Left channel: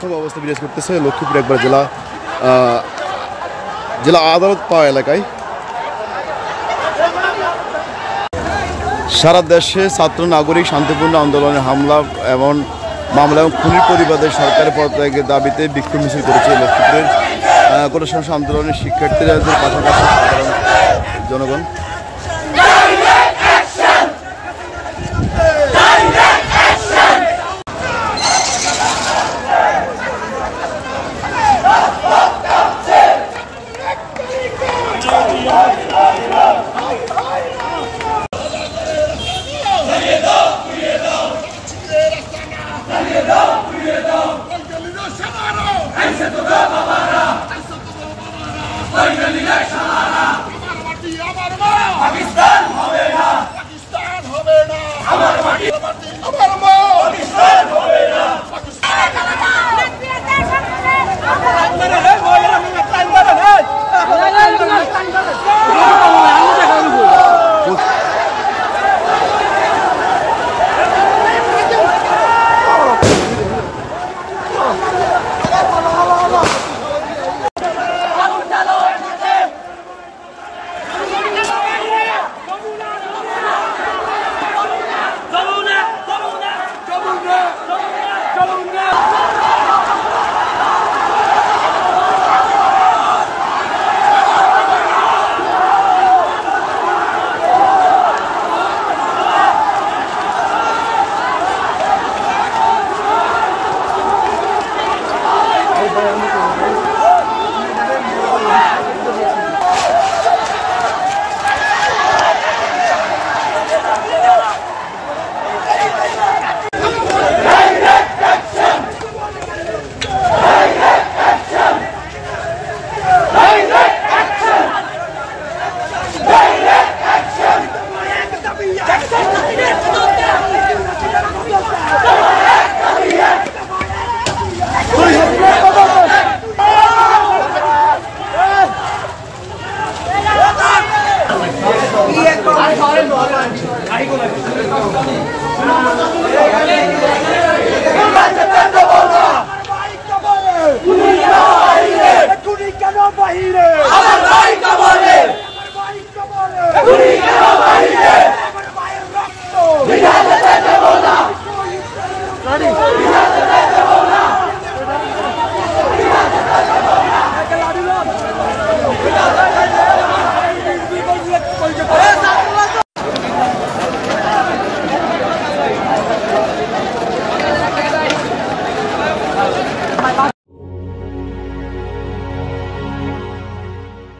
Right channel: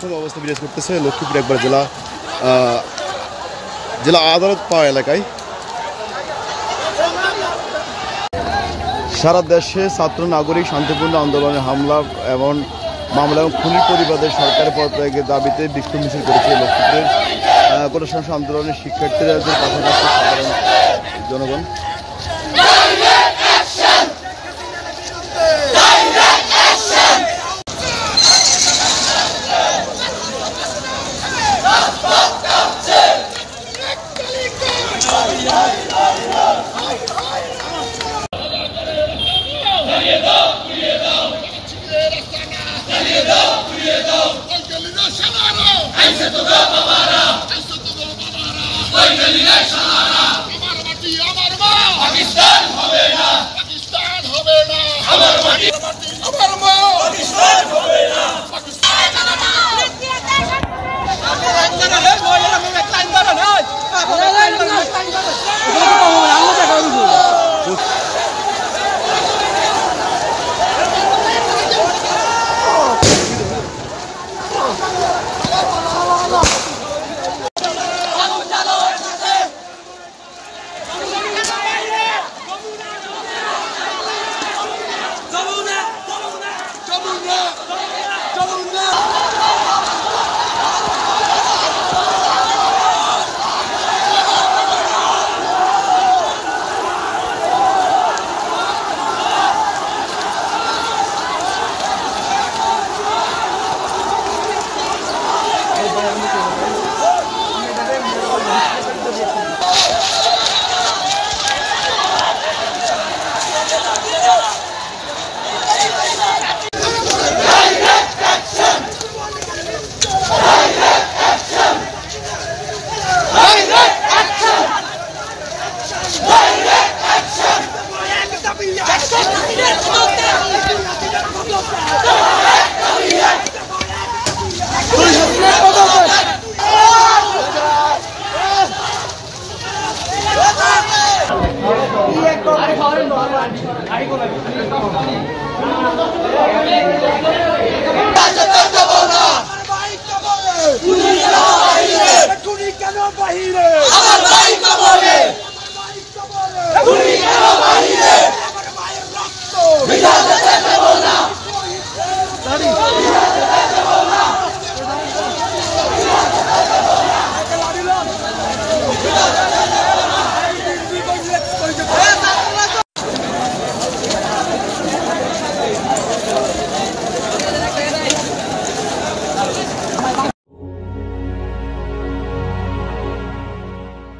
থমথমে অবস্থা বিরাজ করতেছে লক্ষ্মীপুর একবার জেলা আদালত পাওয়া এলাকায়। সারা দেশে ছাত্র নাগরিক শান্তিপূর্ণ আন্দোলনে হামলা এবং মামলা এবং খুনি পরিবারের সরকারি পদত্যাগের দাবিতে বিক্ষোভ মিছিল করেছে লক্ষ্মীপুরের কোটা সংস্কার আন্দোলনের শিক্ষার্থীরা, পাশাপাশি সাধারণ জনগণ। পাকিস্তান হবে না, পাকিস্তান হবে না, আমার মাটি আমার মা, পাকিস্তান হবে না, পাকিস্তান হবে না। আমার ভাই কবরে